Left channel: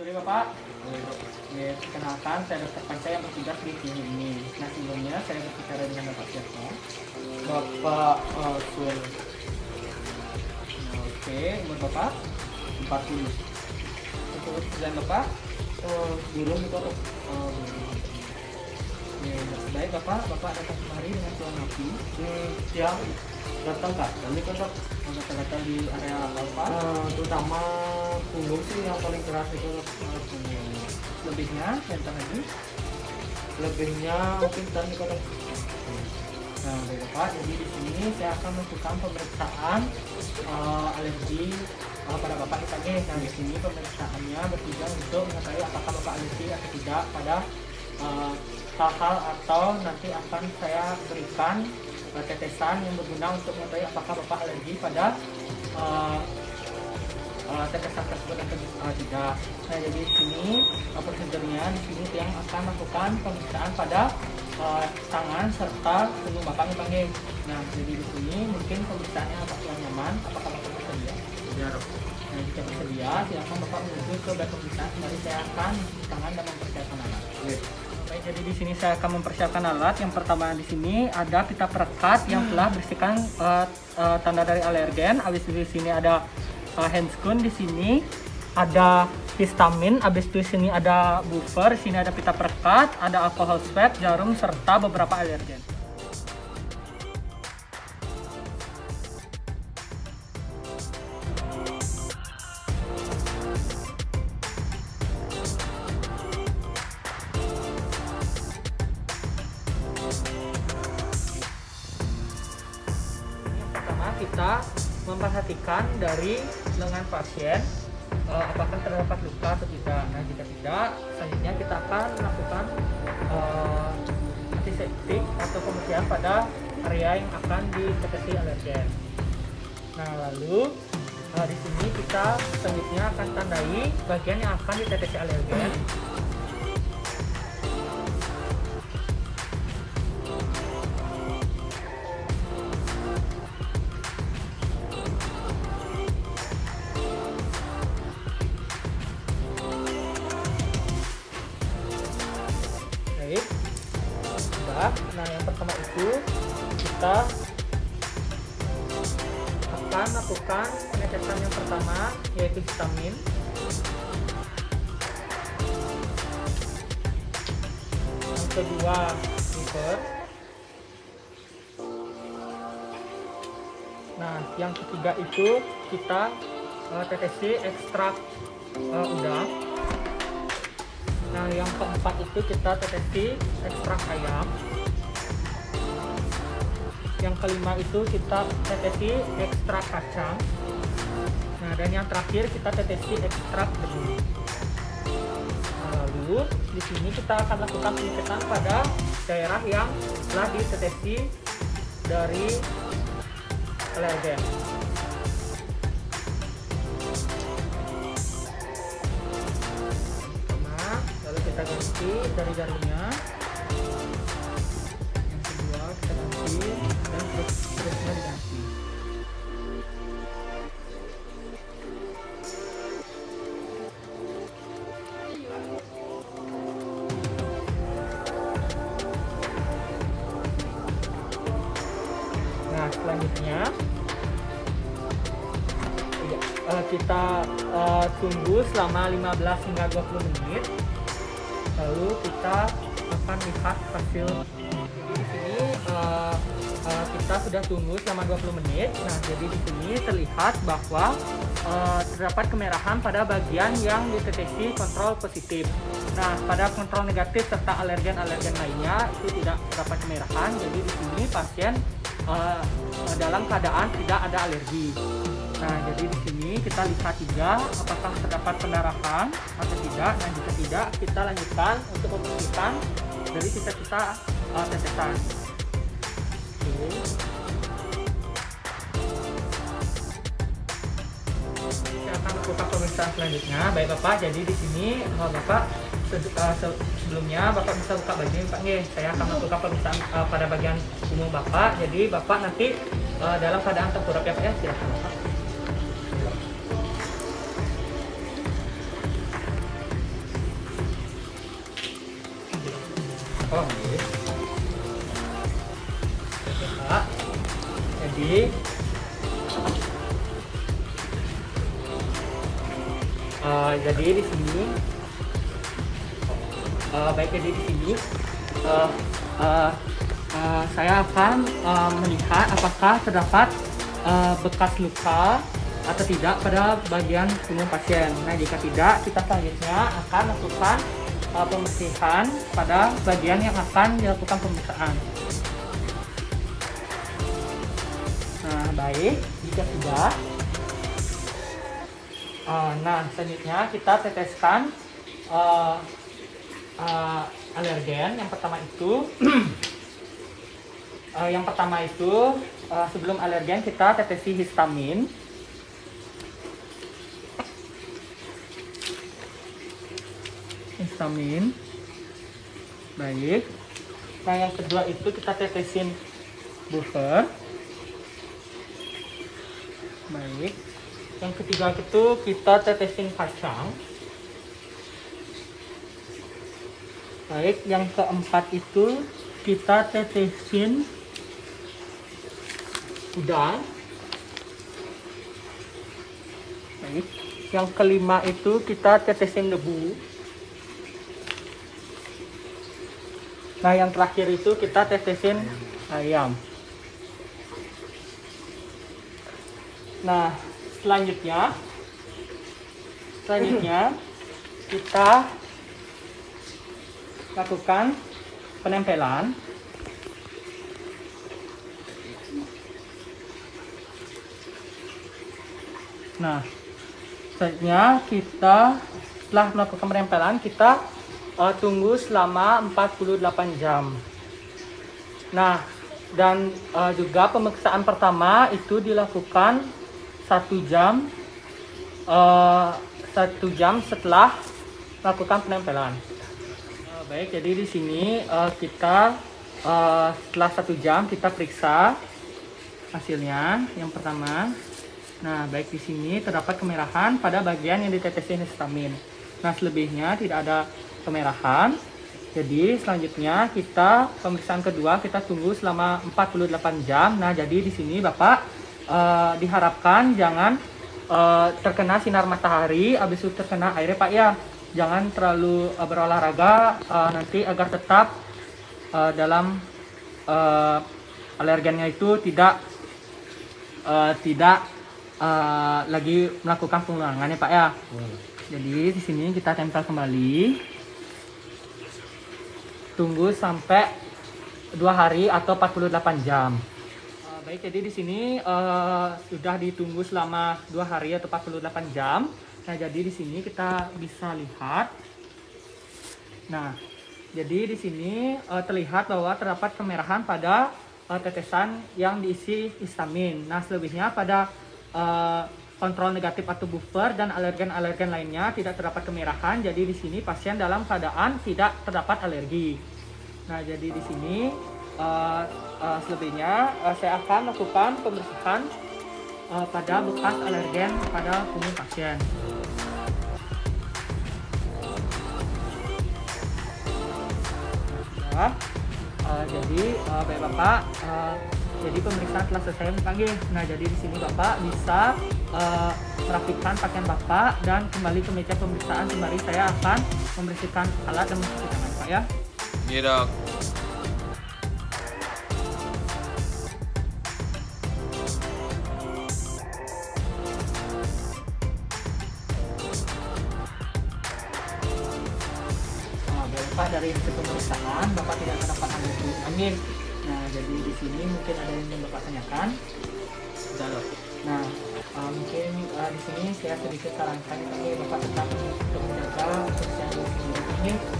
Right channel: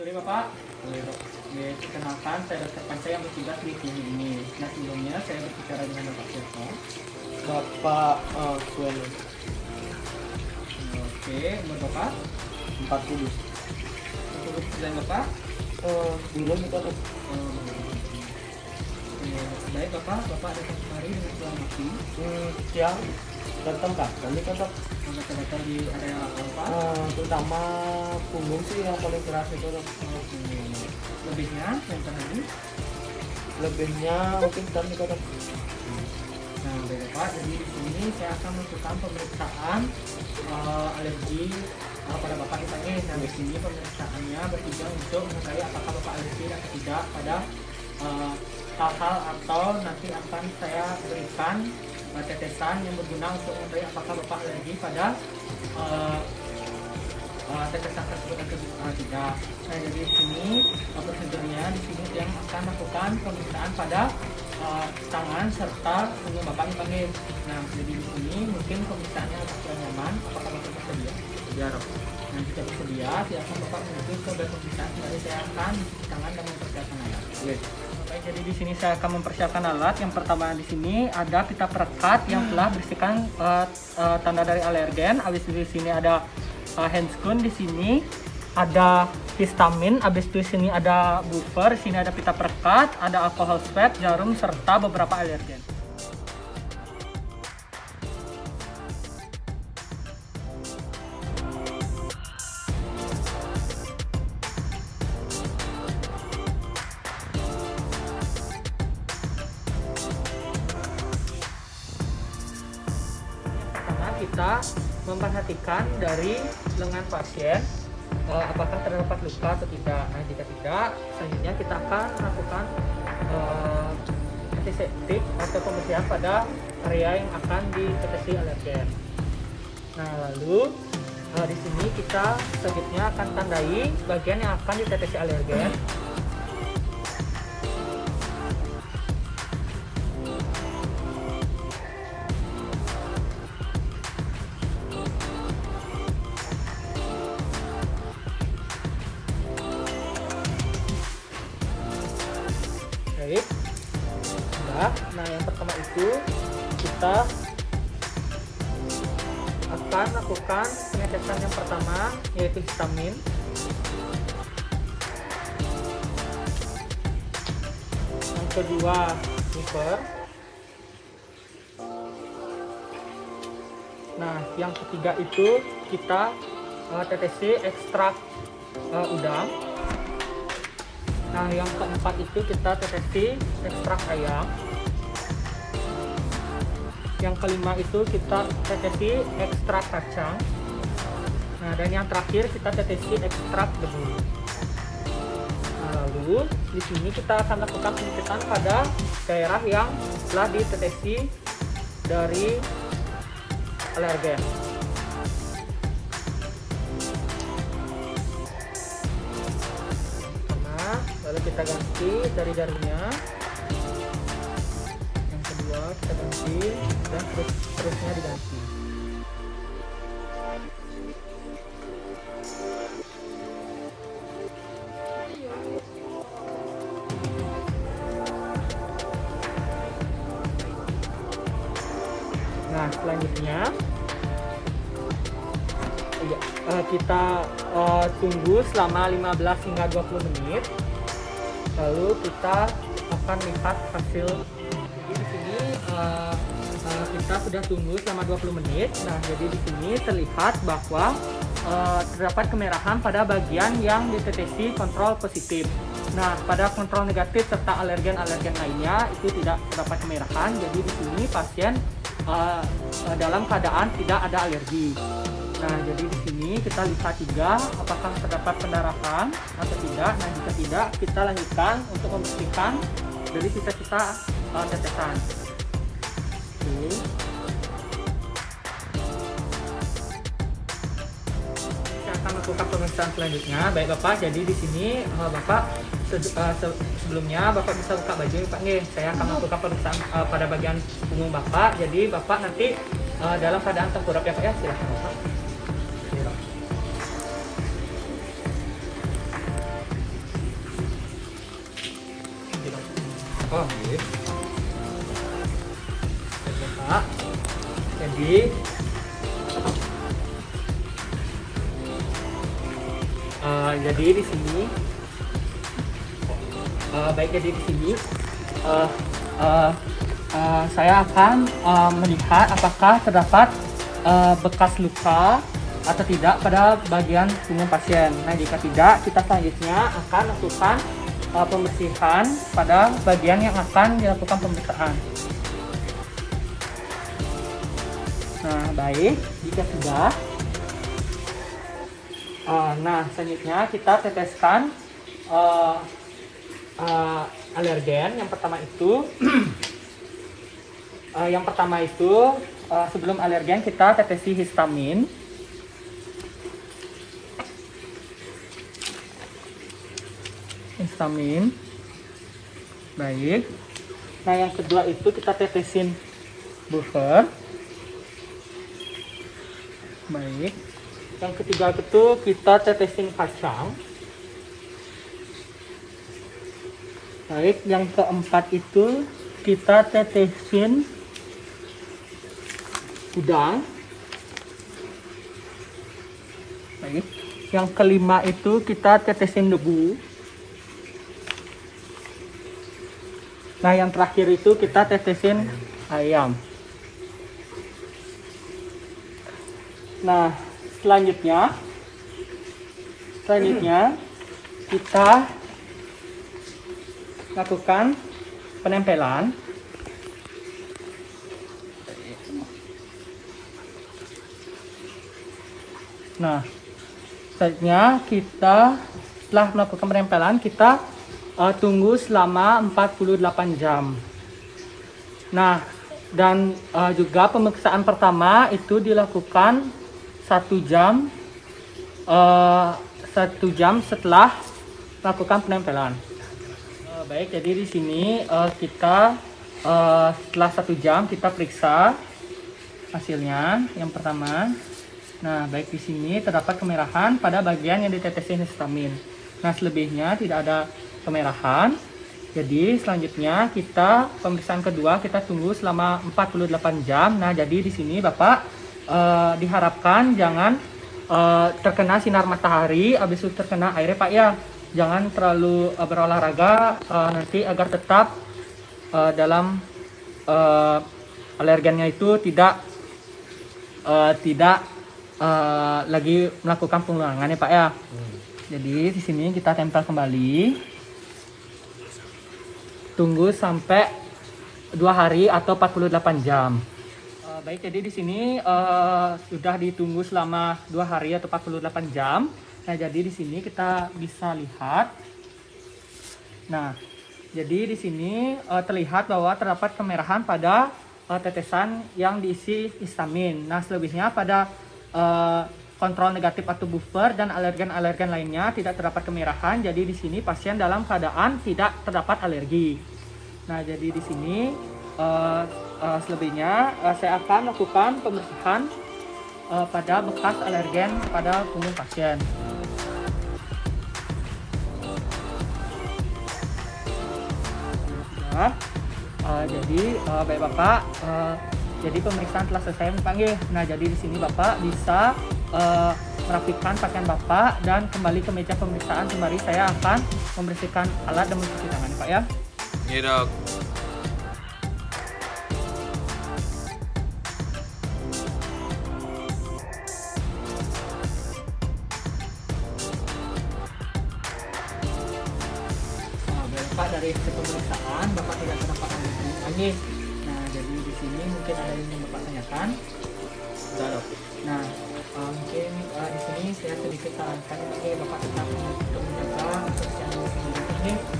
Sorry Bapak. Oke, perkenalkan saya Dr. Panca yang bertugas di sini ini. Nah sebelumnya saya berbicara dengan Bapak siapa? Bapak Suen. Oke, umur Bapak 40. untuk pekerjaan Bapak? Belum itu atau Belum. Oke, baik Bapak datang kemari dengan pulang mati. siang datang kak. Nanti kan dok, Gatal-gatal di area apa? terutama punggung sih yang paling keras itu dok. Lebihnya yang tadi? Lebihnya mungkin dan itu dok. Nah, baik Bapak, jadi di sini saya akan melakukan pemeriksaan alergi pada Bapak ini. Nah, di sini pemeriksaannya bertujuan untuk mengetahui apakah Bapak alergi atau tidak pada hal-hal atau nanti akan saya berikan tetesan yang berguna untuk mengetahui apakah Bapak alergi pada tetesan tersebut atau tidak. Nah, jadi di sini prosedurnya di sini yang akan melakukan pemeriksaan pada tangan serta punggung Bapak ini panggil. Nah, jadi di sini mungkin pemeriksaannya apakah nyaman, apakah Bapak bersedia? Ya dok. Nah, jika bersedia, silakan Bapak menuju ke bed pemeriksaan. Kembali saya akan mencuci tangan dan mempersiapkan alat. Baik, jadi di sini saya akan mempersiapkan alat. Yang pertama di sini ada pita perekat yang telah berisikan tanda dari alergen. Habis itu di sini ada handscoon, di sini ada histamin, habis itu di sini ada buffer, di sini ada pita perekat, ada alkohol swab, jarum serta beberapa alergen. Kita memperhatikan dari lengan pasien apakah terdapat luka atau tidak. Nah, jika tidak, selanjutnya kita akan melakukan antiseptik atau pembersihan pada area yang akan ditetesi alergen. Nah, lalu di sini kita selanjutnya akan tandai bagian yang akan ditetesi alergen. Nah, yang pertama itu kita akan lakukan pengetesan yang pertama, yaitu histamin. Yang kedua, buffer. Nah, yang ketiga itu kita tetesi ekstrak udang. Nah, yang keempat itu kita tetesi ekstrak ayam. Yang kelima itu kita tetesi ekstrak kacang. Nah, dan yang terakhir kita tetesi ekstrak benih. Lalu di sini kita akan lakukan pencetan pada daerah yang telah ditetesi dari alergen. Lalu kita ganti jari-jarinya. Yang kedua kita ganti dan seterusnya diganti. Nah, selanjutnya kita tunggu selama 15 hingga 20 menit. Lalu kita akan lihat hasil. Jadi di sini kita sudah tunggu selama 20 menit. Nah, jadi di sini terlihat bahwa terdapat kemerahan pada bagian yang ditetesi kontrol positif. Nah, pada kontrol negatif serta alergen-alergen lainnya itu tidak terdapat kemerahan. Jadi di sini pasien dalam keadaan tidak ada alergi. Nah, jadi di sini kita lihat juga apakah terdapat pendarahan atau tidak. Nah, jika tidak, kita lanjutkan untuk membersihkan dari sisa-sisa tetesan. Oke. Kita akan lakukan pemeriksaan selanjutnya. Baik Bapak, jadi di sini Bapak sebelumnya Bapak bisa buka baju Pak nggih. Saya akan melakukan pemeriksaan pada bagian punggung Bapak. Jadi Bapak nanti dalam keadaan tengkurap ya Pak ya. Silakan Bapak. jadi di sini baik, jadi di sini saya akan melihat apakah terdapat bekas luka atau tidak pada bagian punggung pasien. Nah, jika tidak, kita selanjutnya akan melakukan pembersihan pada bagian yang akan dilakukan pemeriksaan. Nah, baik, jika sudah, nah selanjutnya kita teteskan alergen. Yang pertama itu sebelum alergen kita tetesi histamin. Baik. Nah, yang kedua itu kita tetesin buffer. Baik. Yang ketiga itu kita tetesin kacang. Baik. Yang keempat itu kita tetesin udang. Baik. Yang kelima itu kita tetesin debu. Nah, yang terakhir itu kita tetesin ayam. Nah, selanjutnya kita lakukan penempelan. Nah, selanjutnya kita setelah melakukan penempelan kita tunggu selama 48 jam. Nah, dan juga pemeriksaan pertama itu dilakukan 1 jam setelah melakukan penempelan. Baik, jadi di sini kita setelah 1 jam kita periksa hasilnya. Yang pertama, nah baik, di sini terdapat kemerahan pada bagian yang ditetesin histamin. Nah, selebihnya tidak ada kemerahan. Jadi selanjutnya kita pemeriksaan kedua kita tunggu selama 48 jam. Nah, jadi di sini Bapak diharapkan jangan terkena sinar matahari, habis itu terkena air Pak ya. Jangan terlalu berolahraga nanti agar tetap dalam alergennya itu tidak lagi melakukan pengulangan ya Pak ya. Jadi di sini kita tempel kembali. Tunggu sampai 2 hari atau 48 jam. Baik, jadi di sini sudah ditunggu selama 2 hari atau 48 jam. Nah, jadi di sini kita bisa lihat. Nah, jadi di sini terlihat bahwa terdapat kemerahan pada tetesan yang diisi histamin. Nah, selebihnya pada kontrol negatif atau buffer dan alergen-alergen lainnya tidak terdapat kemerahan. Jadi di sini pasien dalam keadaan tidak terdapat alergi. Nah, jadi di sini selebihnya saya akan lakukan pembersihan pada bekas alergen pada punggung pasien. Nah, jadi baik Bapak, jadi pemeriksaan telah selesai dipanggil. Nah, jadi di sini Bapak bisa merapikan pakaian Bapak dan kembali ke meja pemeriksaan. Kembali saya akan membersihkan alat dan mencuci tangan Pak ya. Iya dok. Bapak, dari hasil pemeriksaan Bapak tidak terdapat alergi angin. Nah, jadi di sini mungkin ada yang ingin Bapak tanyakan. Sudah dok. Nah, mungkin di sini saya sedikit sarankan Bapak tetap untuk menjaga kebersihan diri sendiri.